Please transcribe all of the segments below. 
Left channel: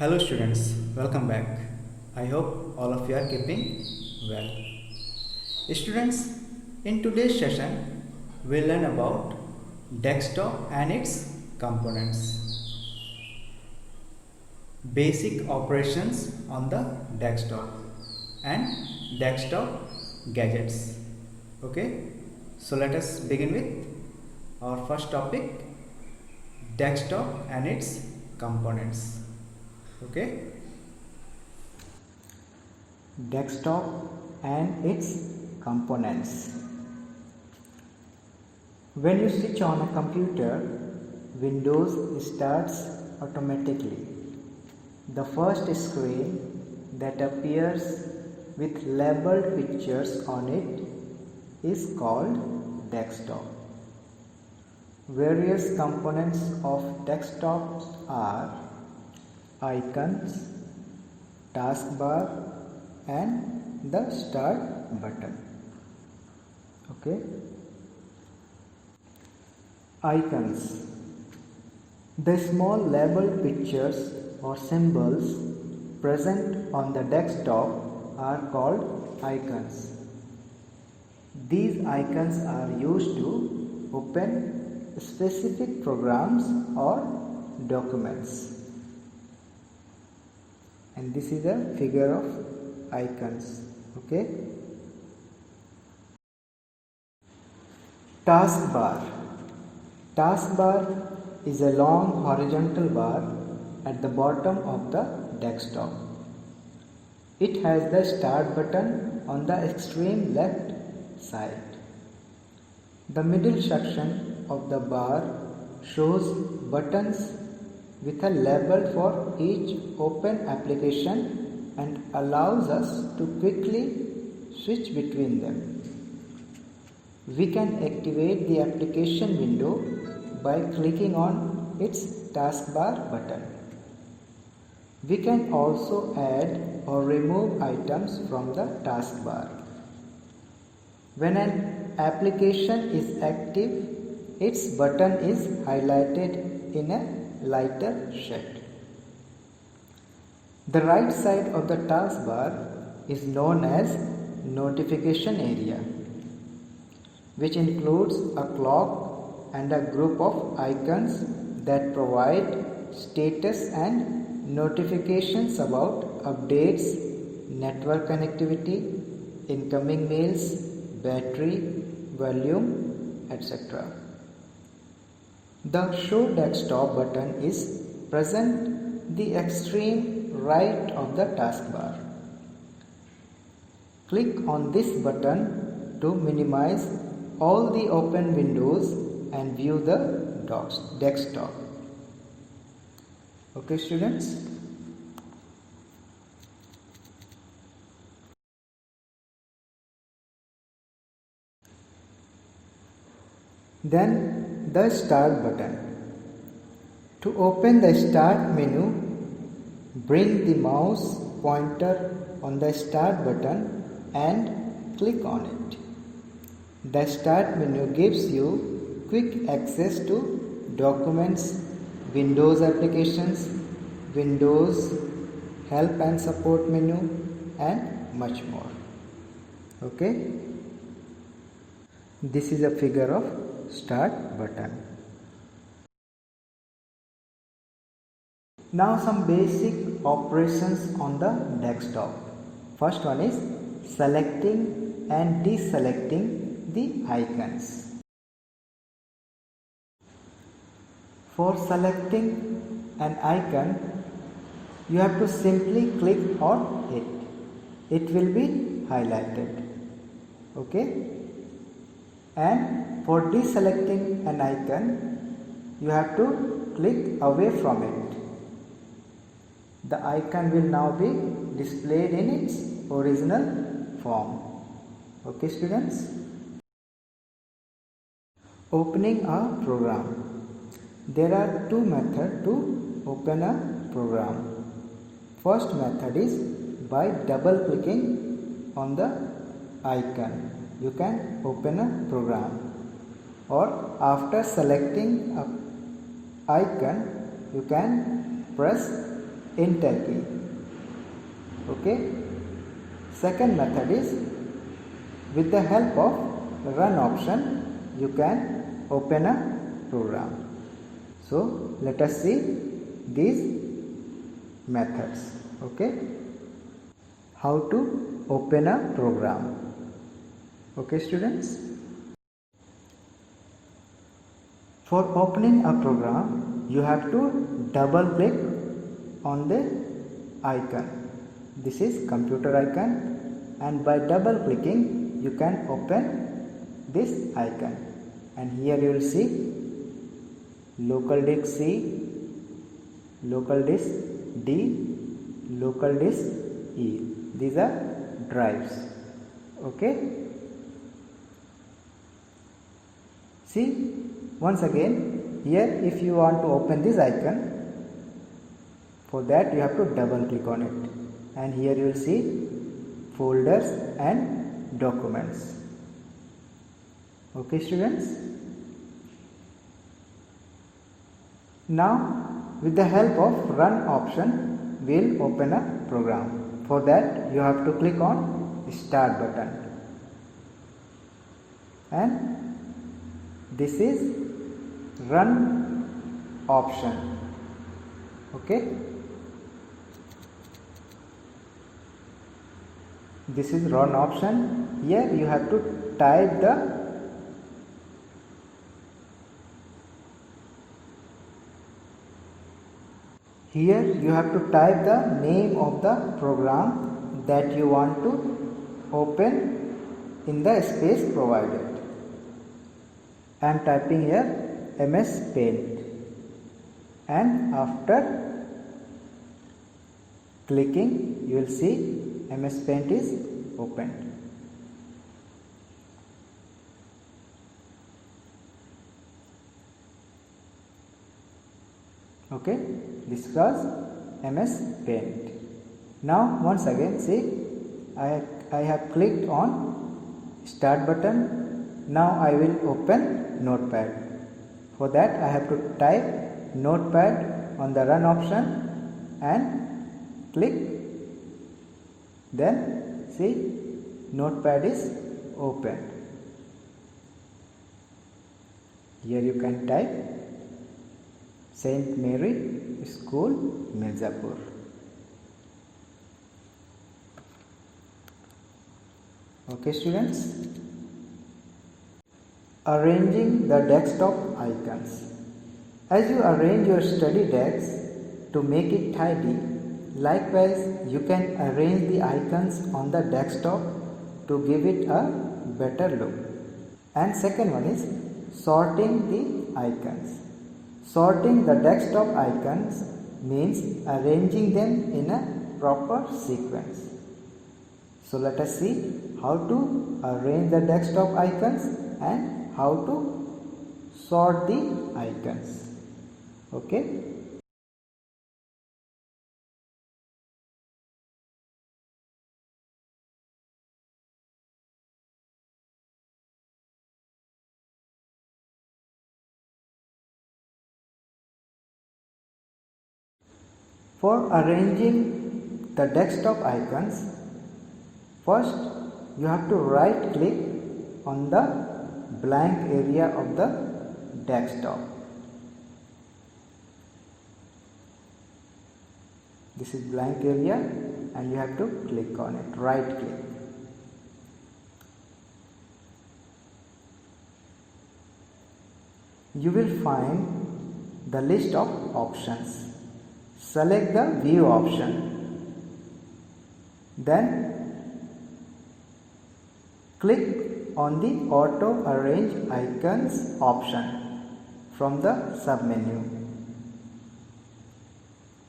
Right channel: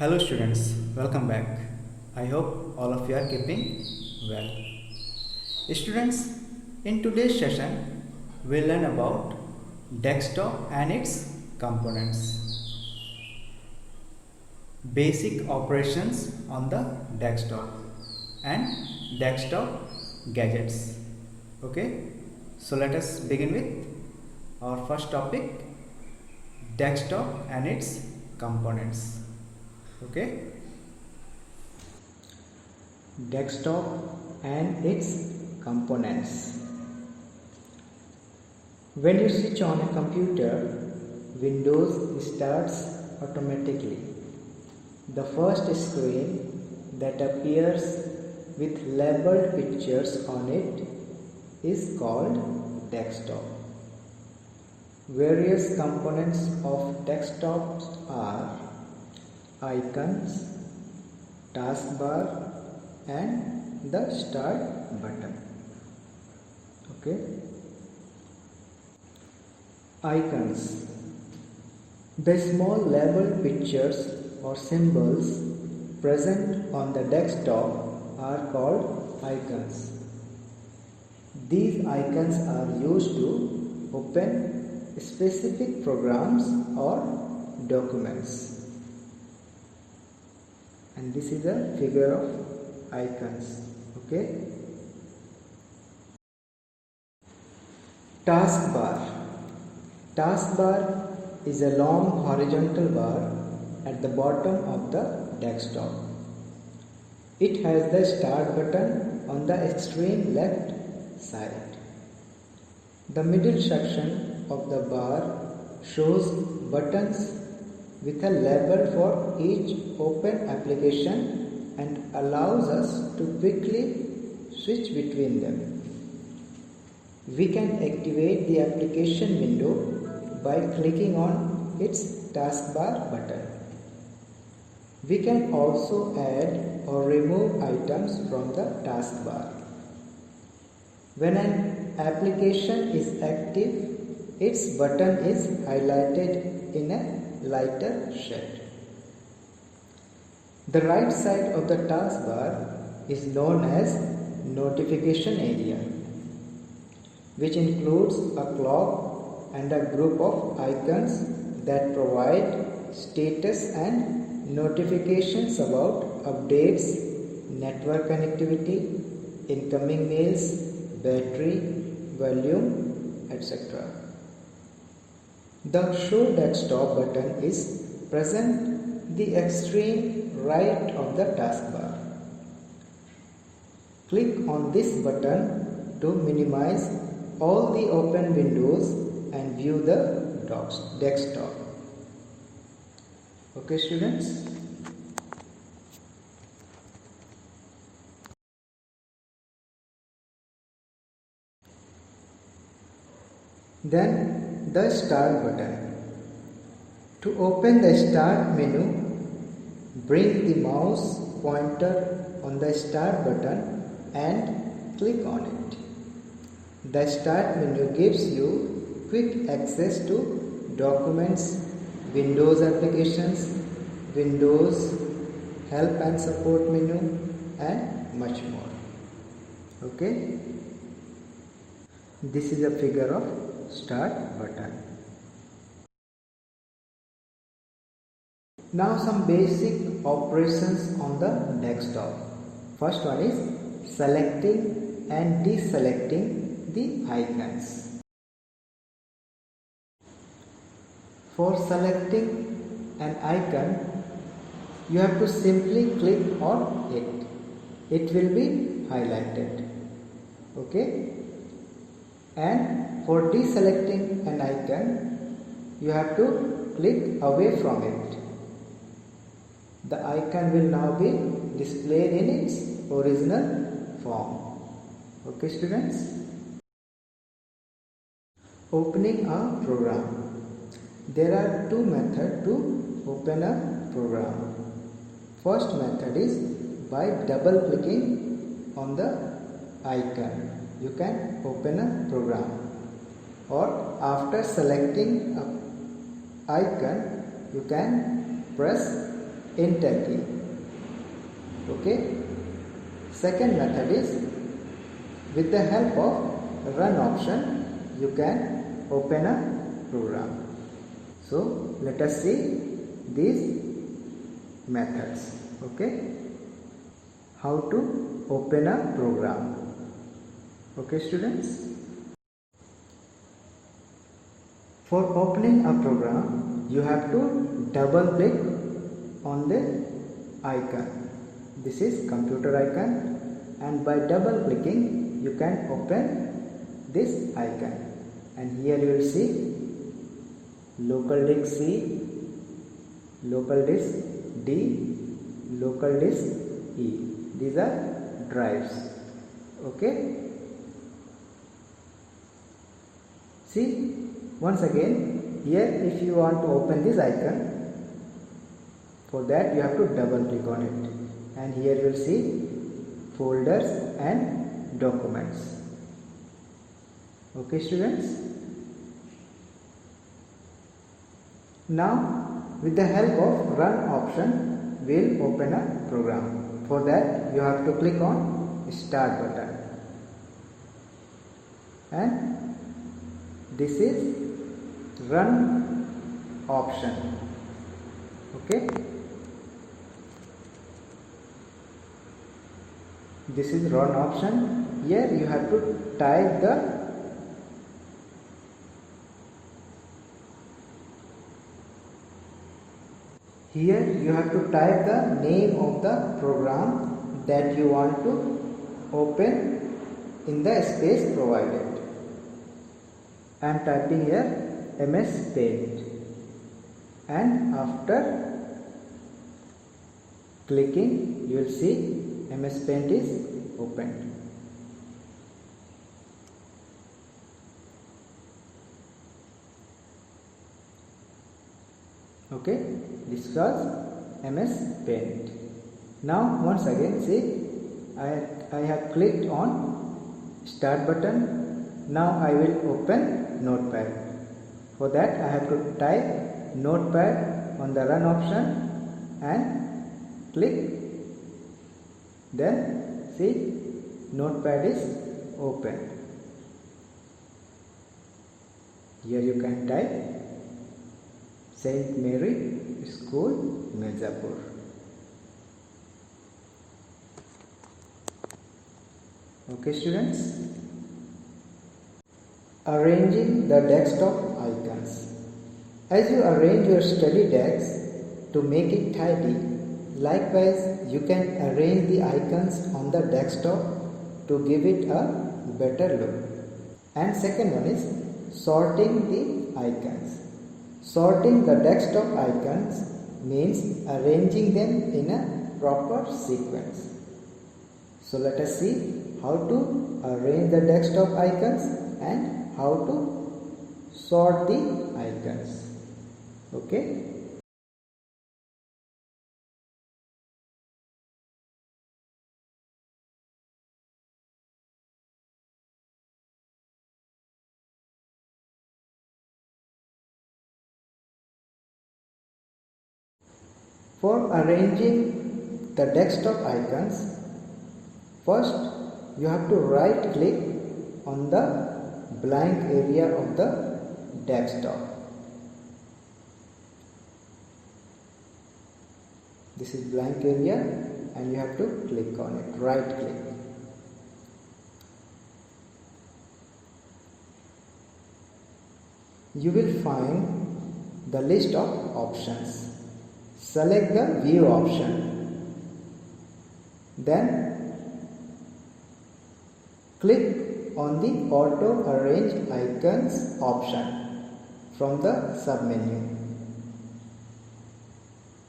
Hello students, welcome back. I hope all of you are keeping well. Students, in today's session, we'll learn about desktop and its components. Basic operations on the desktop and desktop gadgets. Okay, so let us begin with our first topic, desktop and its components. Okay, desktop and its components. When you switch on a computer, Windows starts automatically. The first screen that appears with labeled pictures on it is called desktop. Various components of desktops are icons, taskbar and the start button. Okay. Icons. The small labeled pictures or symbols present on the desktop are called icons. These icons are used to open specific programs or documents. And this is a figure of icons. Okay. Taskbar. Taskbar is a long horizontal bar at the bottom of the desktop. It has the start button on the extreme left side. The middle section of the bar shows buttons with a label for each open application and allows us to quickly switch between them. We can activate the application window by clicking on its taskbar button. We can also add or remove items from the taskbar. When an application is active, its button is highlighted in a lighter shade. The right side of the taskbar is known as notification area, which includes a clock and a group of icons that provide status and notifications about updates, network connectivity, incoming mails, battery, volume, etc. The Show Desktop button is present the extreme right of the taskbar. Click on this button to minimize all the open windows and view the desktop. Okay, students? Then the Start button. To open the Start menu, bring the mouse pointer on the Start button and click on it. The Start menu gives you quick access to documents, Windows applications, Windows help and support menu and much more. Okay. This is a figure of Start button. Now some basic operations on the desktop. First one is selecting and deselecting the icons. For selecting an icon, you have to simply click on it. It will be highlighted. Okay? And for deselecting an icon, you have to click away from it. The icon will now be displayed in its original form. Okay, students? Opening a program. There are two methods to open a program. First method is by double clicking on the icon. You can open a program, or after selecting a icon you can press in Turkey. Okay. Second method is with the help of run option you can open a program. So let us see these methods. Okay. How to open a program. Okay students. For opening a program, you have to double click on the icon. This is computer icon, and by double clicking you can open this icon, and here you will see local disk C, local disk D, local disk E. These are drives. Okay. See, once again, here if you want to open this icon, for that you have to double click on it, and here you will see folders and documents. Okay students. Now with the help of run option we will open a program. For that you have to click on start button, and this is run option. Okay. This is run option. Here you have to type the name of the program that you want to open in the space provided. I am typing here MS Paint, and after clicking you will see MS Paint is opened. Okay, this was MS Paint. Now once again see, I have clicked on start button. Now I will open Notepad. For that I have to type Notepad on the run option and click. Then see, Notepad is open. Here you can type Saint Mary School, Mirzapur. Okay students. Arranging the desktop icons. As you arrange your study desk to make it tidy, likewise you can arrange the icons on the desktop to give it a better look. And second one is sorting the icons. Sorting the desktop icons means arranging them in a proper sequence. So let us see how to arrange the desktop icons and how to sort the icons. Okay. For arranging the desktop icons, first you have to right click on the blank area of the desktop. This is blank area and you have to click on it, right click. You will find the list of options. Select the view option. Then click on the auto arrange icons option from the submenu.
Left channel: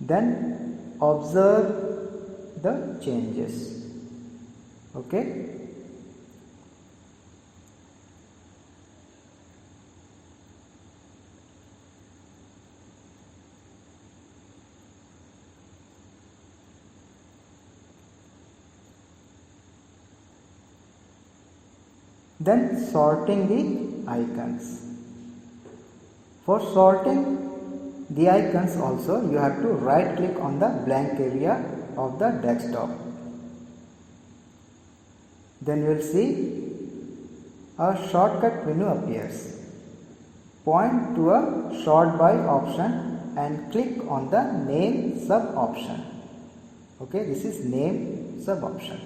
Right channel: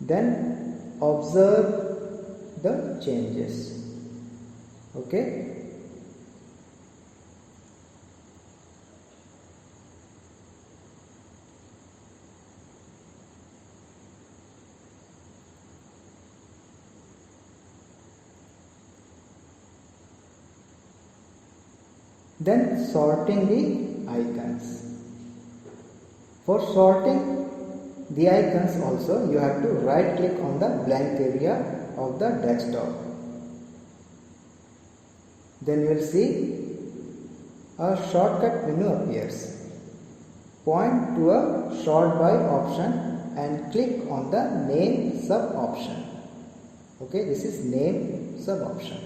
Then observe the changes. Okay. Then sorting the icons. For sorting the icons also you have to right click on the blank area of the desktop. Then you will see a shortcut menu appears. Point to a sort by option and click on the name sub option. Okay, this is name sub option.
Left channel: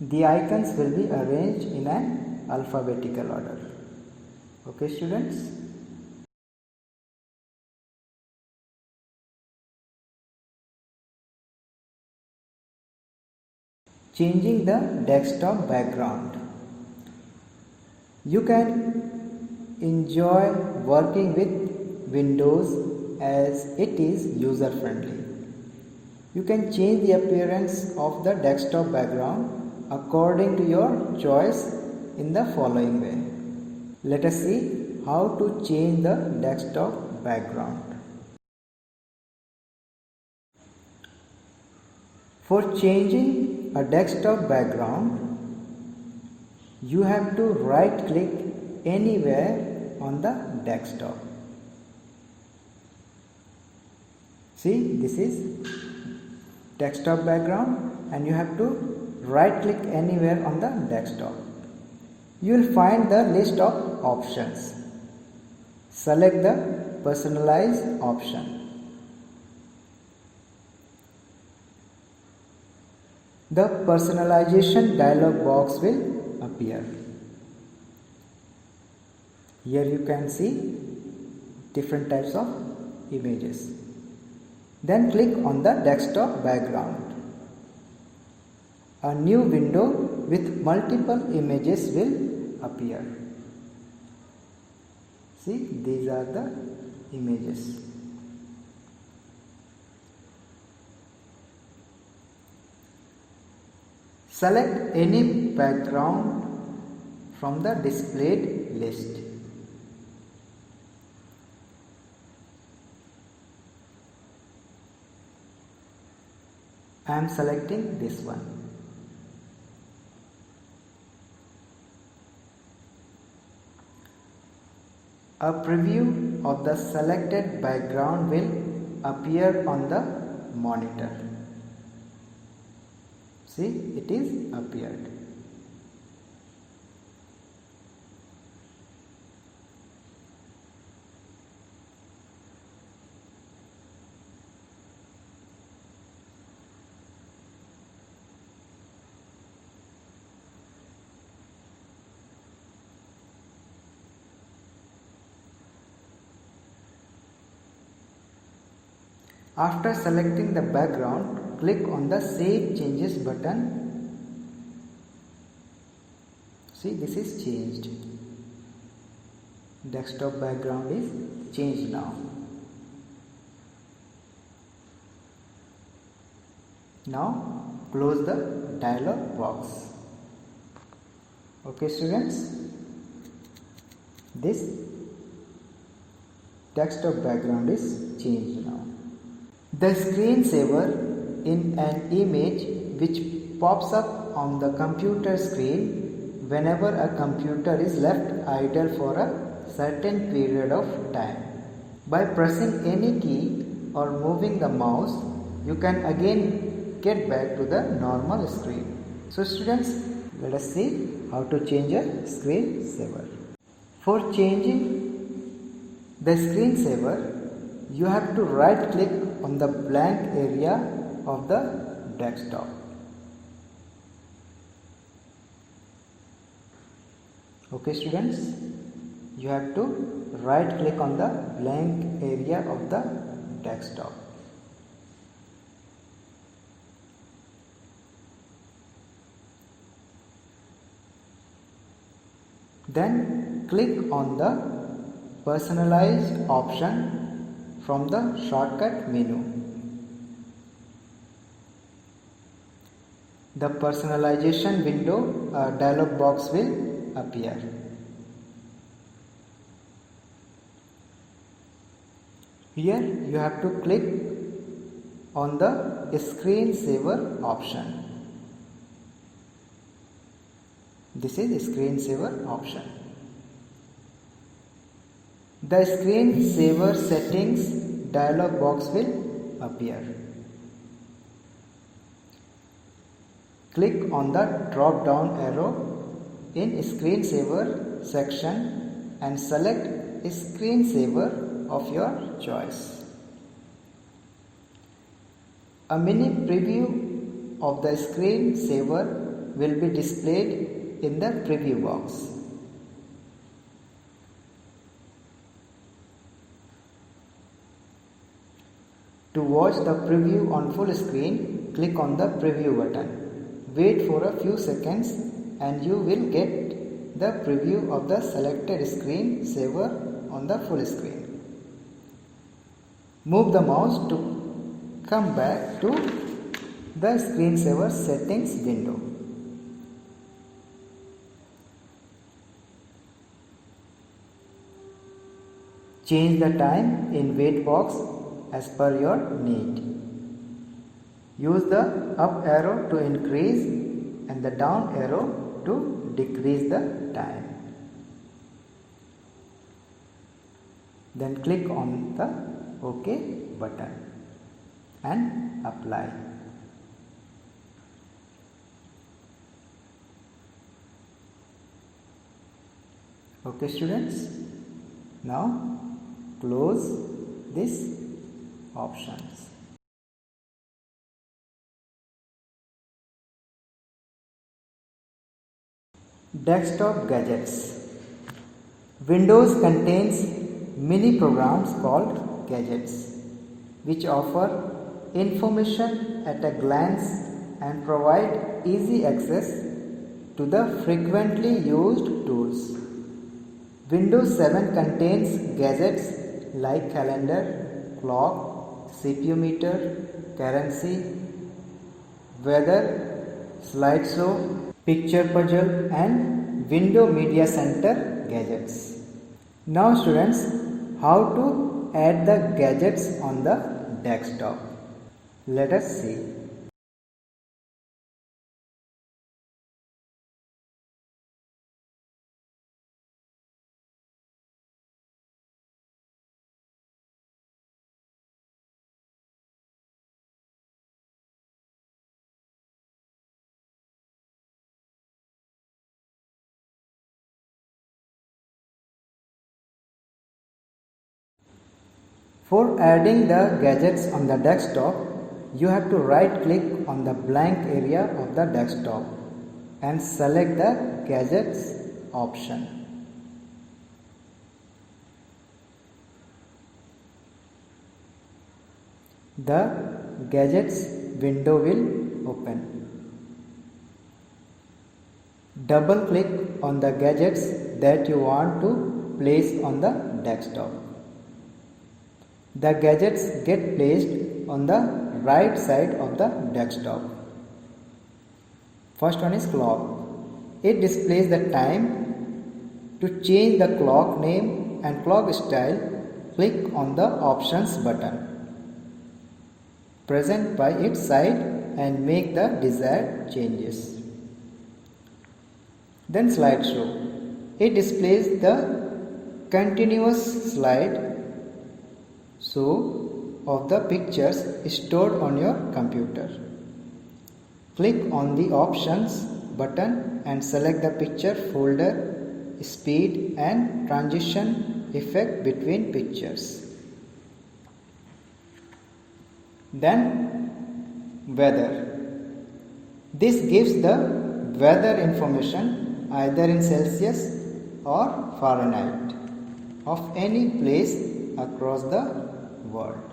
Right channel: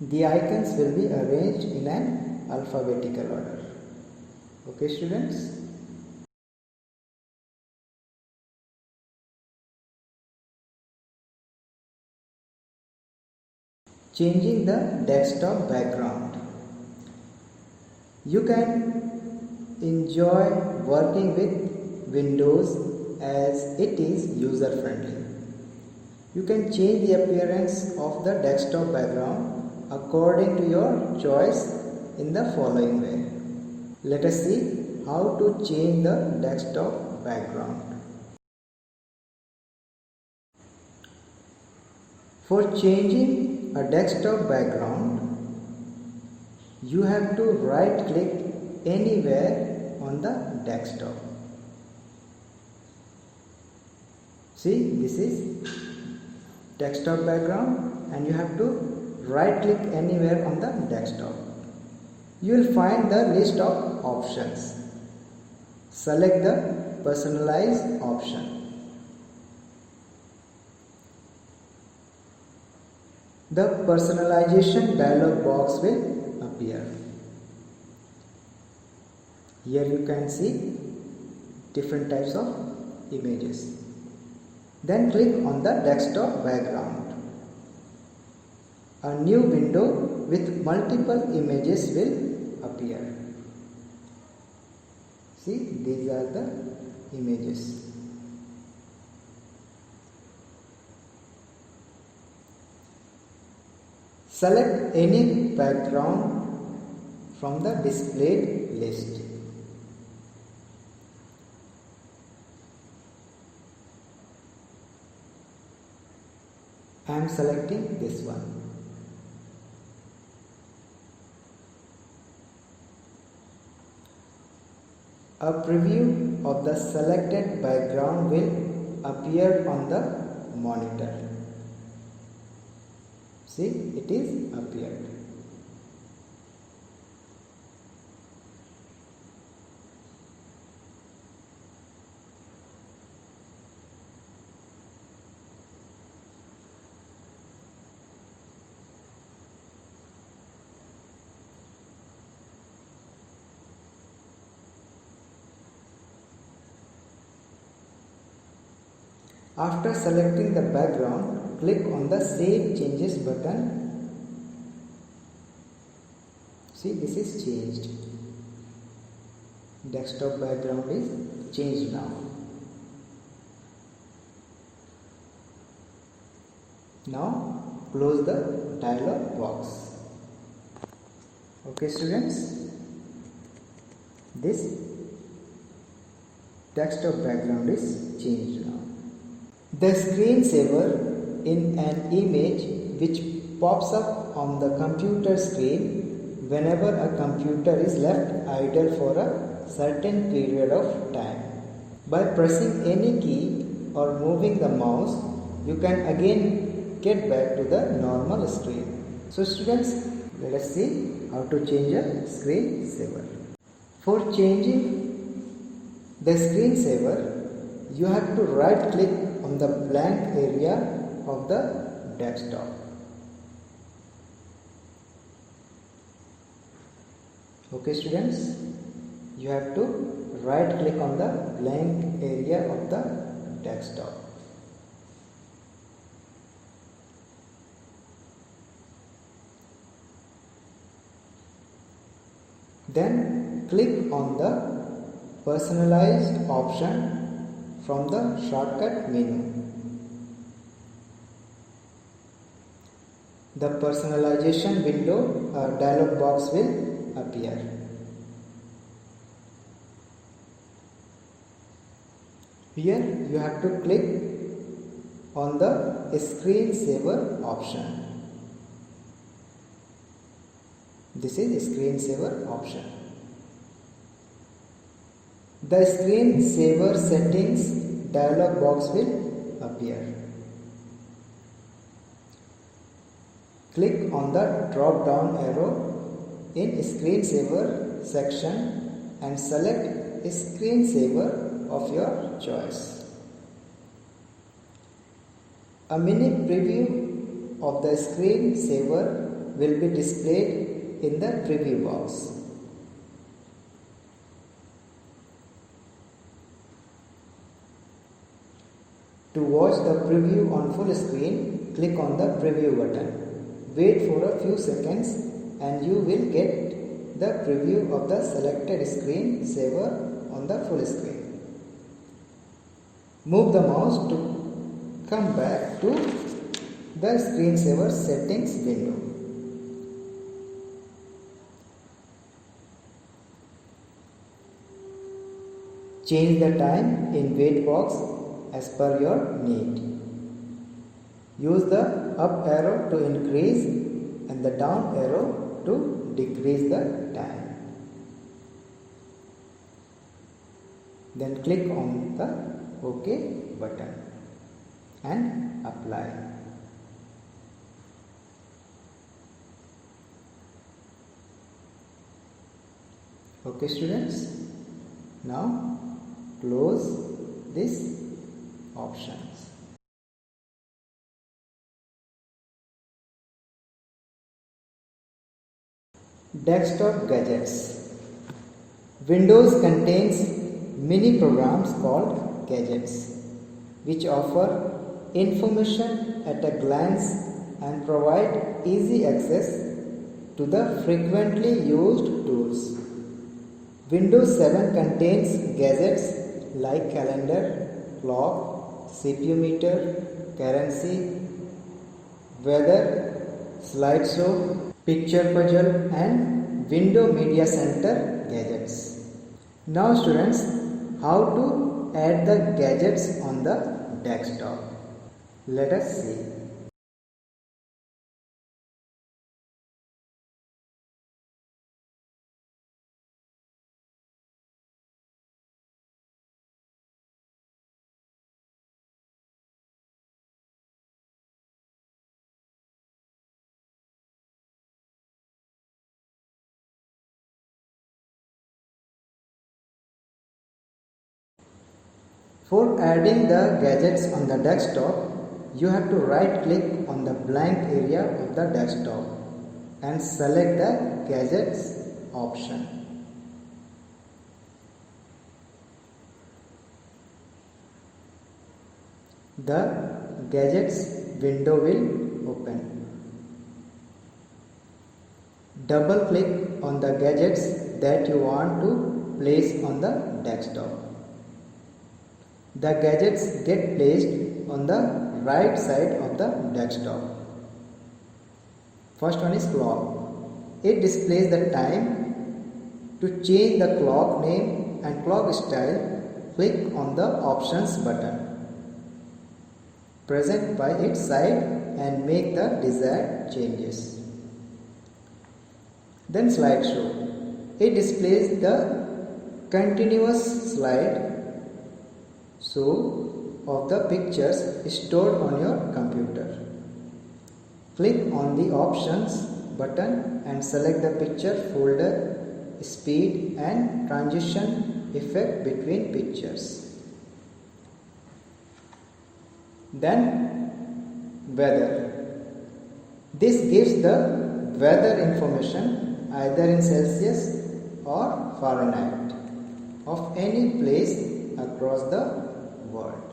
The icons will be arranged in an alphabetical order. Okay, students. Changing the desktop background. You can enjoy working with Windows as it is user friendly. You can change the appearance of the desktop background according to your choice in the following way. Let us see how to change the desktop background. For changing a desktop background, you have to right click anywhere on the desktop. See, this is desktop background and you have to right click anywhere on the desktop. You will find the list of options. Select the personalize option. The personalization dialog box will appear. Here you can see different types of images. Then click on the desktop background. A new window with multiple images will appear. See, these are the images. Select any background from the displayed list. I am selecting this one. A preview of the selected background will appear on the monitor. See, it is appeared. After selecting the background, click on the Save Changes button. See, this is changed. Desktop background is changed now. Now close the dialog box. Okay, students, this desktop background is changed now. The screensaver in an image which pops up on the computer screen whenever a computer is left idle for a certain period of time. By pressing any key or moving the mouse, you can again get back to the normal screen. So students, let us see how to change a screensaver. For changing the screensaver, you have to right click on the blank area of the desktop. Okay, students, you have to right click on the blank area of the desktop. Then click on the personalized option from the shortcut menu. The personalization window dialog box will appear. Here you have to click on the screensaver option. This is screensaver option. The screensaver settings dialog box will appear. Click on the drop down arrow in screensaver section and select a screensaver of your choice. A mini preview of the screensaver will be displayed in the preview box. To watch the preview on full screen, click on the preview button. Wait for a few seconds and you will get the preview of the selected screensaver on the full screen. Move the mouse to come back to the screensaver settings window. Change the time in wait box as per your need. Use the up arrow to increase and the down arrow to decrease the time. Then click on the OK button and apply. Okay students, now close these options. Desktop gadgets. Windows contains many programs called gadgets which offer information at a glance and provide easy access to the frequently used tools. Windows 7 contains gadgets like calendar, clock, CPU meter, currency, weather, slideshow, picture puzzle and window media center gadgets. Now students, how to add the gadgets on the desktop? Let us see. For adding the gadgets on the desktop, you have to right click on the blank area of the desktop and select the gadgets option. The gadgets window will open. Double click on the gadgets that you want to place on the desktop. The gadgets get placed on the right side of the desktop. First one is clock. It displays the time. To change the clock name and clock style, click on the options button present by its side and make the desired changes. Then slideshow. It displays the continuous slide of the pictures stored on your computer. Click on the options button and select the picture folder, speed and transition effect between pictures. Then weather. This gives the weather information either in Celsius or Fahrenheit of any place across the world.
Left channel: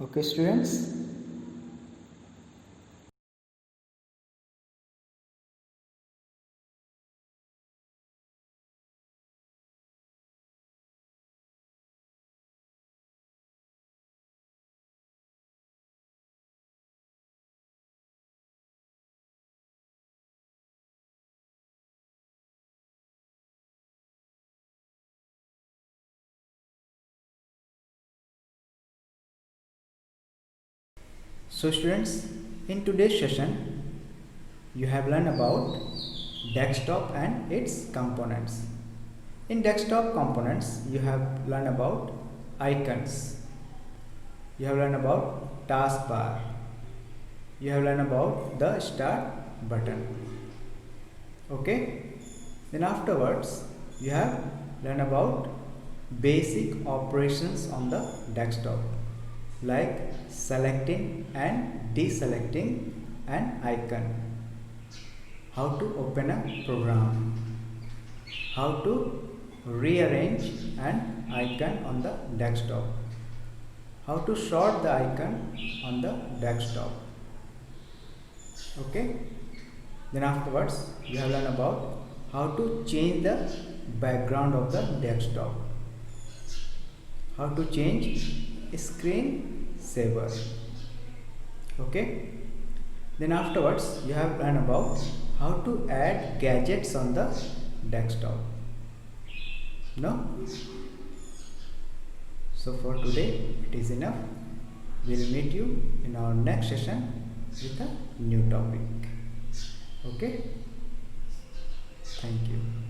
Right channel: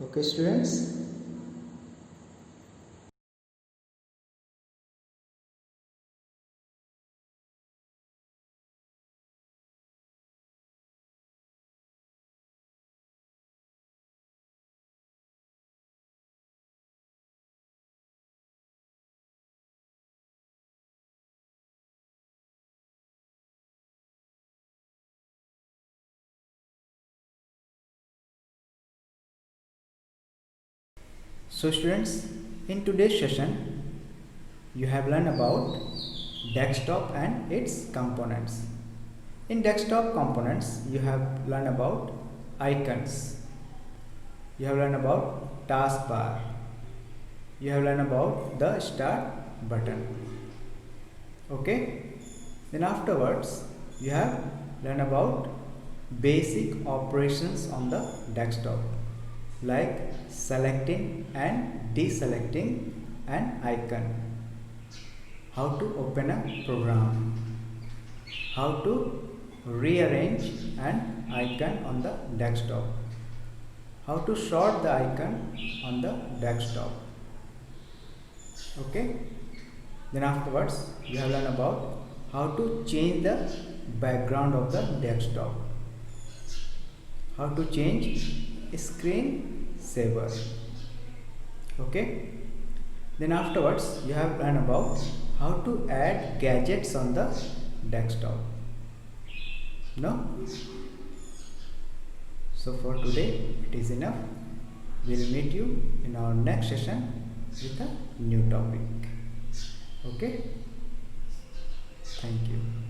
Okay students. So students, in today's session, you have learned about desktop and its components. In desktop components, you have learned about icons, you have learned about taskbar, you have learned about the start button. Okay, then afterwards you have learned about basic operations on the desktop, like selecting and deselecting an icon, how to open a program, how to rearrange an icon on the desktop, how to sort the icon on the desktop. Okay, then afterwards you have learned about how to change the background of the desktop, how to change screen saver. Okay, then afterwards you have learned about how to add gadgets on the desktop. No? So for today it is enough. We will meet you in our next session with a new topic. Okay, thank you.